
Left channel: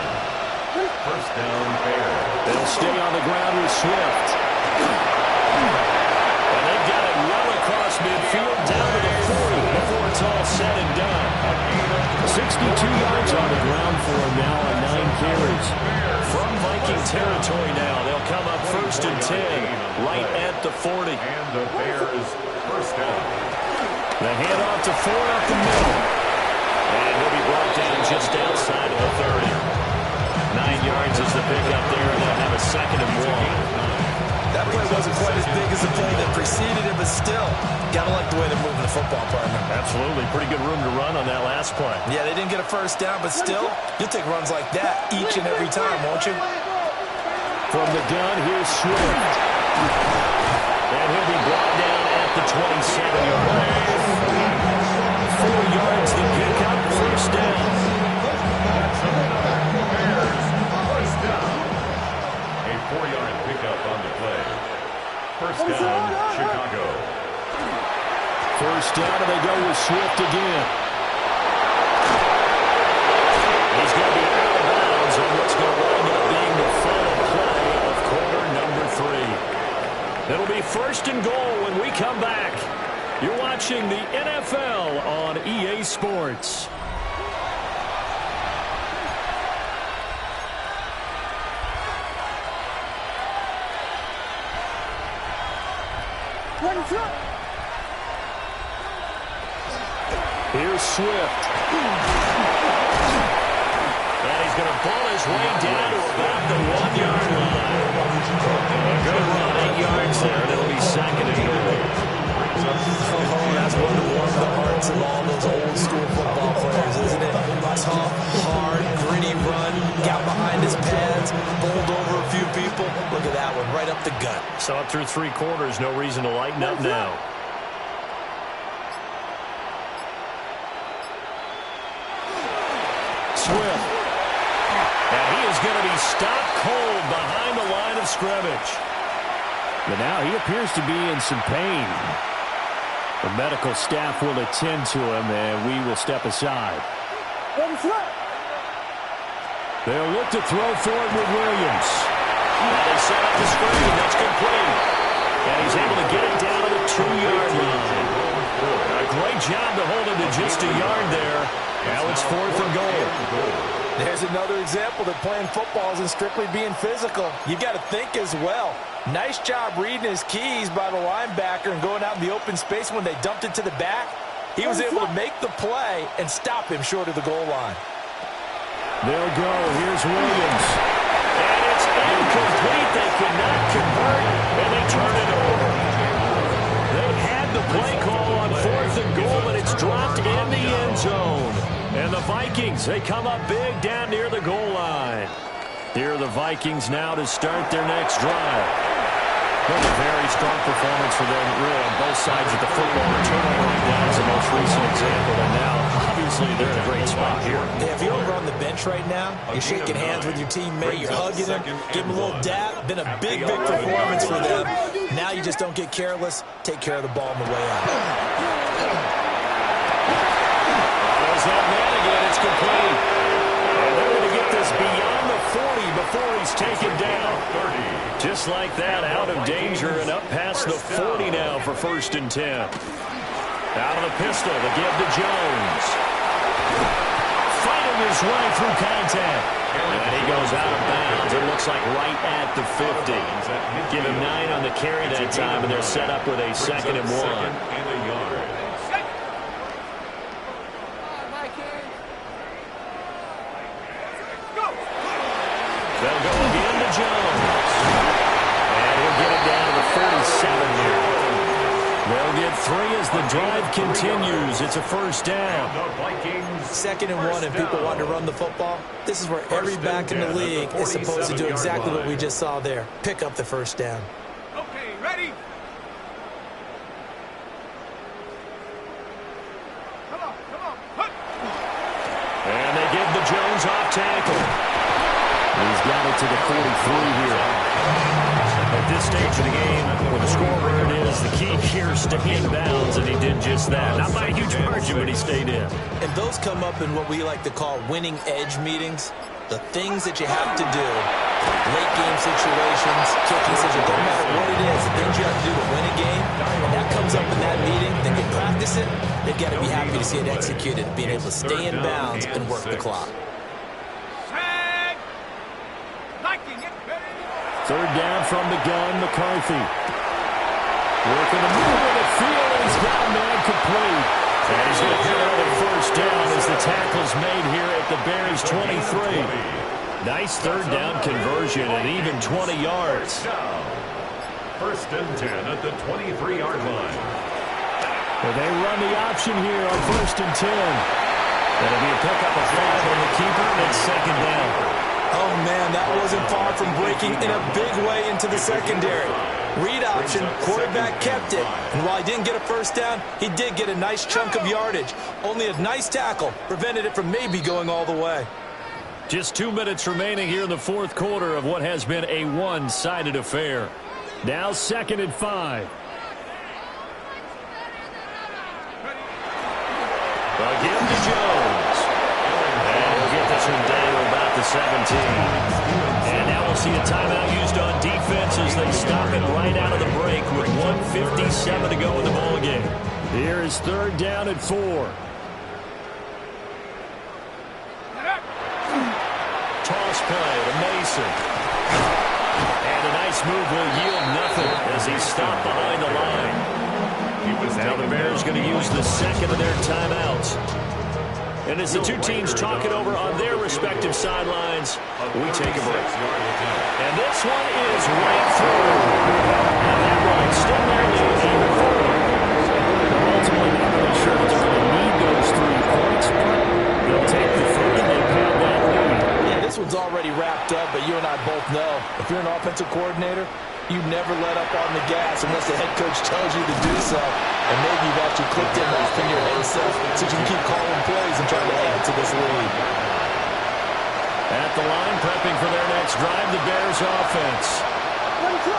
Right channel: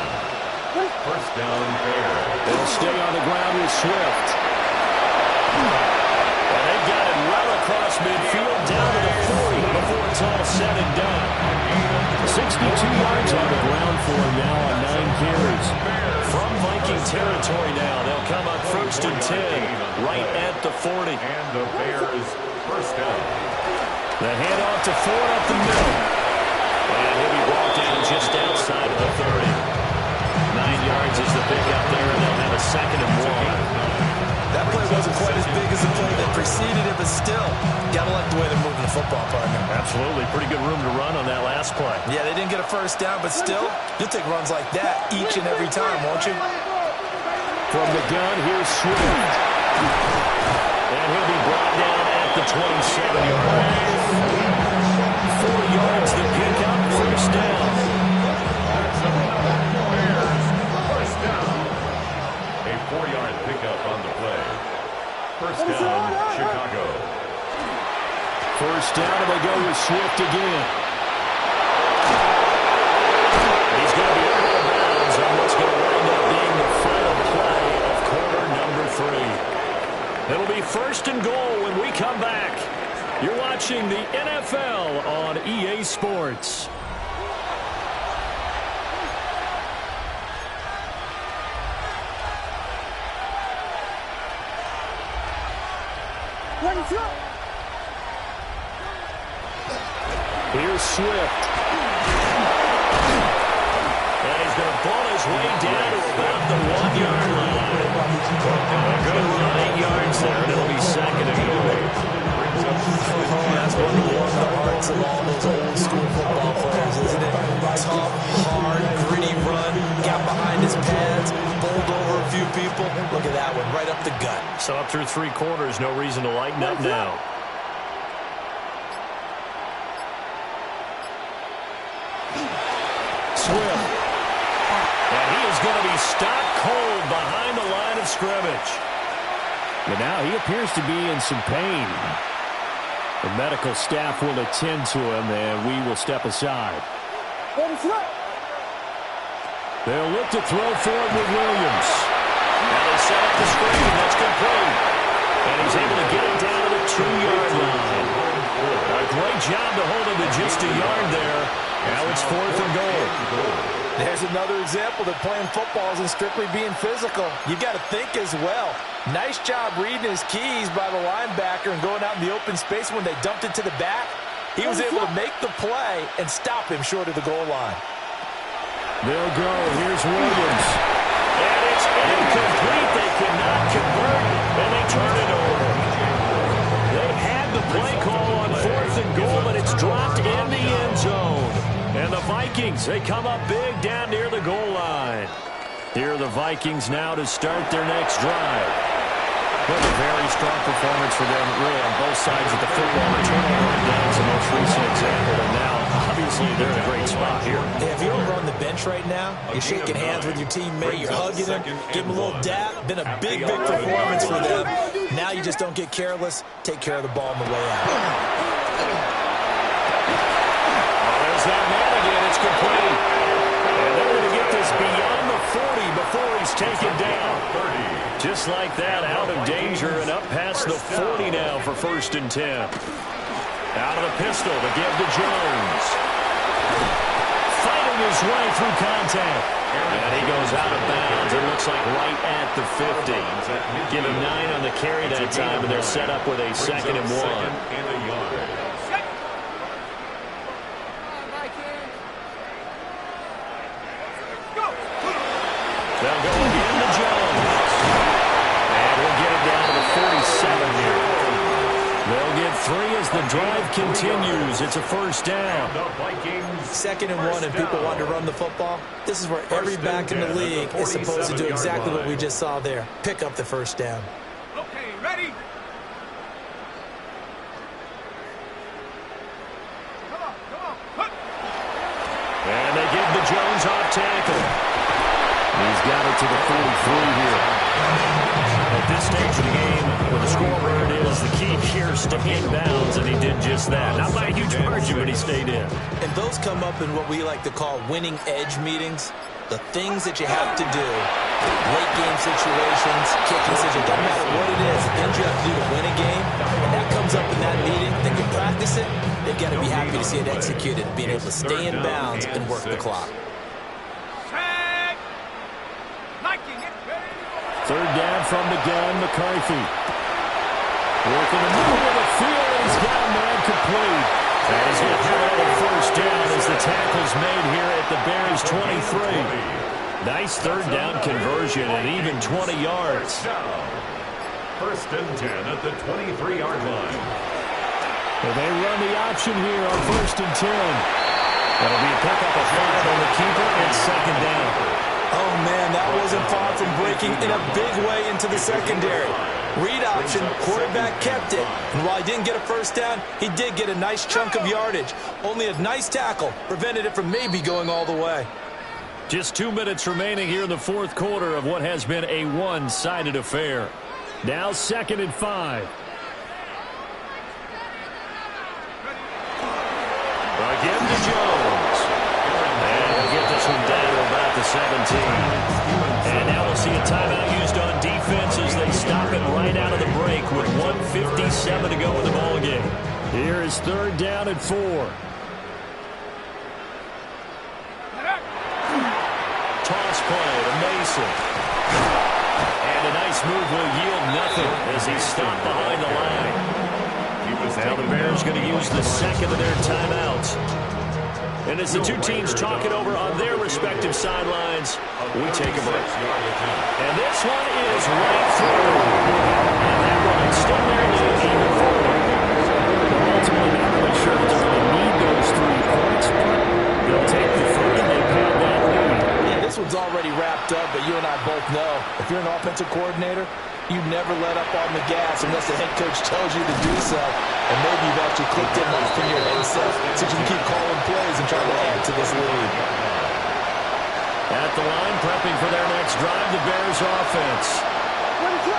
First down, Bears. They'll stay on the ground with Swift. And they've got it well across midfield down to the 40 before it's all said and done. 62 yards on the ground for him now on 9 carries. From Viking territory now, they'll come up first and 10 right at the 40. And the Bears first down. The handoff to Ford up the middle. And he'll be brought down just outside of the 30. 9 yards is the pickup there, and they'll have a second and 1. That play wasn't quite as big as the play that preceded it, but still, gotta like the way they're moving the football, partner. Absolutely. Pretty good room to run on that last play. Yeah, they didn't get a first down, but still, you'll take runs like that each and every time, won't you? From the gun, here's Swift. And he'll be brought down at the 27-yard line. 4 yards the pickup, first down. That's another Bears first down. A 4-yard pickup on the play. First down, Chicago. First down, and they go with Swift again. He's going to be out of bounds on what's going to wind up being the final play of quarter number 3. It'll be first and goal when we come back. You're watching the NFL on EA Sports. Here's Swift. And he's going to ball his way down to about the 1-yard line. A good run, 8 yards there, and it'll be second and goal. Oh, that's one to warm the hearts of all those old school football players, isn't it? Tough, hard, gritty run, got behind his pads, bowled over a few people. Look at that one, right up the gut. So up through 3 quarters, no reason to lighten up now. Swift. And he is going to be stopped cold behind the line of scrimmage. But now he appears to be in some pain. The medical staff will attend to him, and we will step aside. They'll look to throw forward with Williams. Now they set up the screen. That's complete. And he's able to get it down to the 2-yard line. A great job to hold him to just a yard there. Now it's 4th and goal. There's another example that playing football isn't strictly being physical. You got to think as well. Nice job reading his keys by the linebacker and going out in the open space when they dumped it to the back. He was able to make the play and stop him short of the goal line. They'll go. Here's Williams. And it's incomplete. They cannot convert, and they turn it over. They had the play call on 4th and goal, but it's dropped in the end zone. And the Vikings, they come up big down near the goal line. Here are the Vikings now to start their next drive. But a very strong performance for them, really, on both sides of the football. The turnover rundown is the most recent example, and now, obviously, they're in a great spot here. Hey, if you're over on the bench right now, you're shaking hands with your teammate, you're hugging him, give him a little dap. Been a big, big performance for them. Now you just don't get careless. Take care of the ball on the way out. Oh, there's that man again. It's complete. And they're going to get this beyond before he's taken down. Just like that, out of danger and up past the 40 now for 1st and 10. Out of the pistol to give to Jones. Fighting his way through contact. And he goes out of bounds. It looks like right at the 50. Give him 9 on the carry that time, and they're set up with a 2nd and 1. They'll go again to Jones. And he'll get it down to the 47 here. They'll get 3 as the drive continues. It's a 1st down. 2nd and 1, and people want to run the football. This is where every back in the league is supposed to do exactly what we just saw there. Pick up the 1st down. Okay, ready? Come on. And they give the Jones off tackle. He's got it to the 43 here. At this stage of the game, with the score where it is, the key here is stay in bounds, and he did just that. Not by a huge margin, but he stayed in. And those come up in what we like to call winning edge meetings. The things that you have to do, late game situations, kicking situations, doesn't matter what it is, the things you have to do to win a game, and that comes up in that meeting, then you practice it, they've got to be happy to see it executed, being able to stay in bounds and work the clock. 3rd down from the gun, McCarthy. Working the middle of the field, and he's got a man complete. And he's going to get another 1st down as the tackle's made here at the Bears 23. Nice 3rd down conversion and even 20 yards. 1st and 10 at the 23-yard line. Well, they run the option here on 1st and 10. That'll be a pickup of 5 on the keeper and 2nd down. Oh, man, that wasn't far from breaking in a big way into the secondary. Read option, quarterback kept it. And while he didn't get a 1st down, he did get a nice chunk of yardage. Only a nice tackle prevented it from maybe going all the way. Just 2 minutes remaining here in the 4th quarter of what has been a one-sided affair. Now 2nd and 5. Again to Jones. And he'll get this one down to about the 17. And now we'll see a timeout used on defense as they stop it right out of the break with 1:57 to go in the ballgame. Here is 3rd down and 4. Toss play to Mason. And a nice move will yield nothing as he's stopped behind the line. Now the Bears going to use the 2nd of their timeouts. And as the two teams talk it over on their respective sidelines, we take a break. And this one is right through. And that will extend their lead even further. They're ultimately not really sure that they're going to need those 3 points, but they'll take the 3 and they've had that lead. Yeah, this one's already wrapped up, but you and I both know if you're an offensive coordinator, you never let up on the gas unless the head coach tells you to do so. And maybe you've actually clicked it off in your headset so you can keep calling plays and trying to add to this lead. At the line, prepping for their next drive, the Bears offense.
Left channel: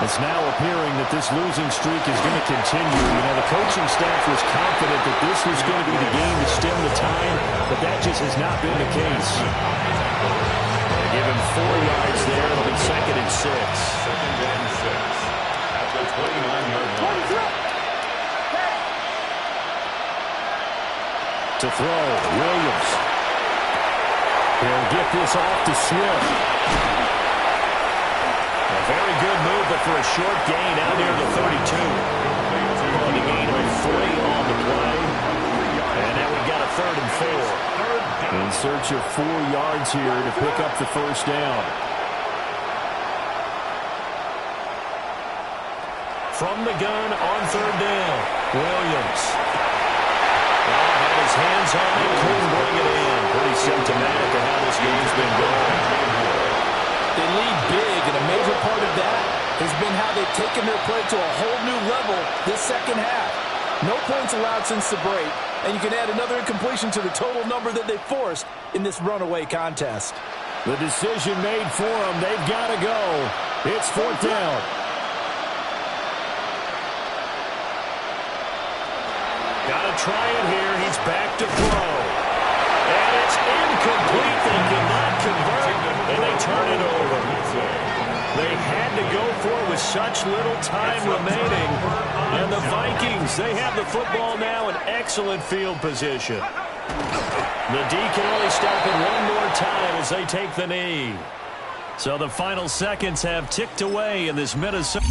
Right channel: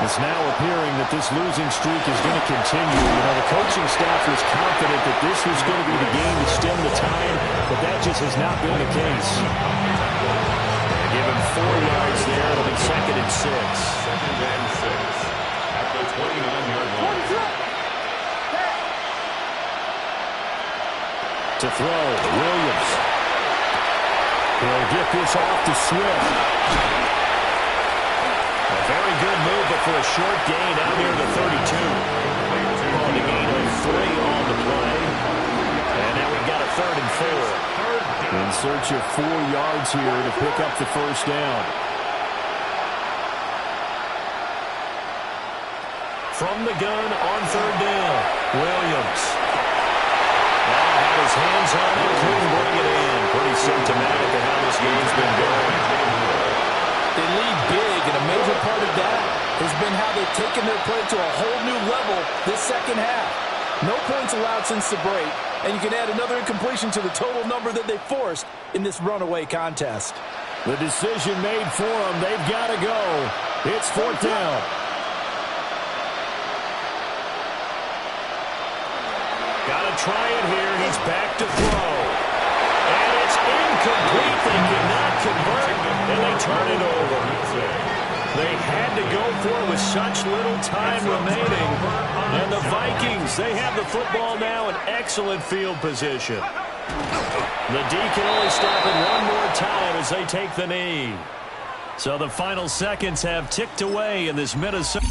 It's now appearing that this losing streak is going to continue. You know, the coaching staff was confident that this was going to be the game to stem the tide, but that just has not been the case. They give him 4 yards there. It'll be 2nd and 6. 2nd and 6 at the 29-yard line. To throw, Williams. He'll get this off to Swift. A very good move, but for a short gain out near the 32. On the gain of 3 on the play. And now we've got a 3rd and 4. In search of 4 yards here to pick up the 1st down. From the gun on 3rd down, Williams. Had his hands on it, couldn't bring it in. Pretty symptomatic of how this game's been going. They lead big, and a major part of that has been how they've taken their play to a whole new level this 2nd half. No points allowed since the break, and you can add another incompletion to the total number that they forced in this runaway contest. The decision made for them. They've got to go. It's 4th down. Got to try it here. He's back to throw. And it's incomplete. They cannot convert. And they turn it over. They had to go for it with such little time remaining. And the Vikings, they have the football now in excellent field position. The D can only stop it one more time as they take the knee. So the final seconds have ticked away in this Minnesota.